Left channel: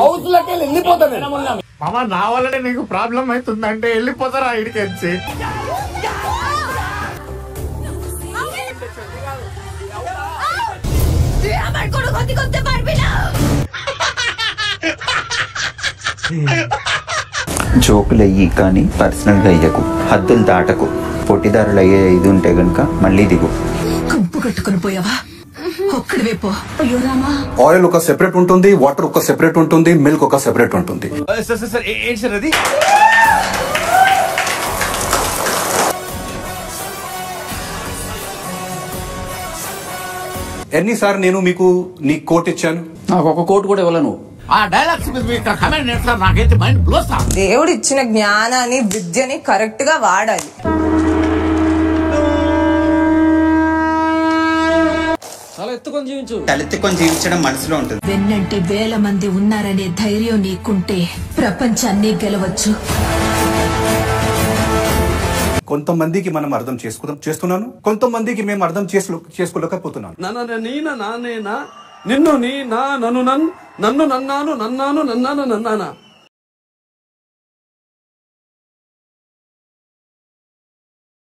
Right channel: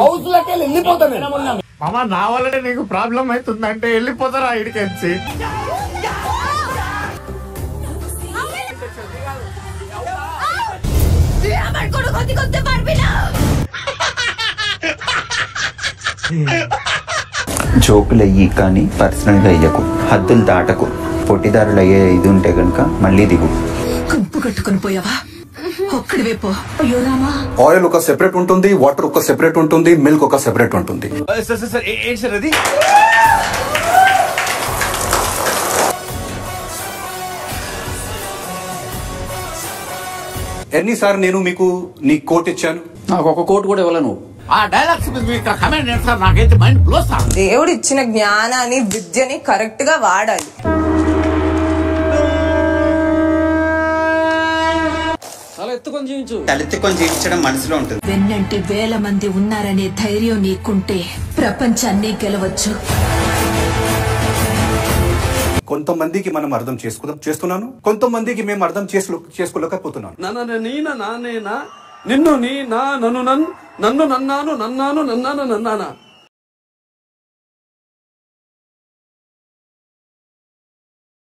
House లకి వెళ్ళిపోతాను మామ. నా వల్లనే నీకు ప్రాబ్లం అవుతుందంటే వెళ్ళిపోతారా ఇడికి వచ్చి. జోకులు అయ్యి కానీ పర్సనల్ గా అయ్యకు, హద్దులు దాటకు. పొట్టిదారులు అయ్యే ఇది ఉంటే గనుక మళ్ళీ దిగు. కంపు కట్టుకుని పోయావా? ఒక్కడివే పో. అయ్యో రామా. ఆయిల్ ఒక సెపరేట్ ఉంటుంది, వాటర్ ఒక సెపరేట్ ఉంటుంది, మిల్క్ ఒక సెపరేట్ ఉంటుంది. ఏంటి సార్ అది? ఎన్నిసార్లు నేను మీకు నీ కోట్ ఇచ్చాను? నాకు ఒక కోట్ కూడా ఇవ్వలేను. ఆ డైలాగ్స్ కమెంట్ చేస్తారు, నాకైతే మైండ్ బ్లోస్. దేవుడు ఇచ్చిన జ్ఞానాన్ని విద్యని కరెక్ట్ గా వాడాలి. తలెత్తుకొని జీవించడం మనసులో ఉంటుంది. వెన్నంటే వేల మంది ఉన్నారనే ధైర్యం నీకుంటే ప్రపంచాన్ని గెలవచ్చు. కొంతమందికి మనం అర్థం చేస్తున్నాను, కొంతమందికి మేము అర్థం చేసుకోలేకపోతున్నాను. నిన్ను నీ నా నన్ను నన్ను నన్ను నన్నాను నన్నాను నన్నాను నన్నానా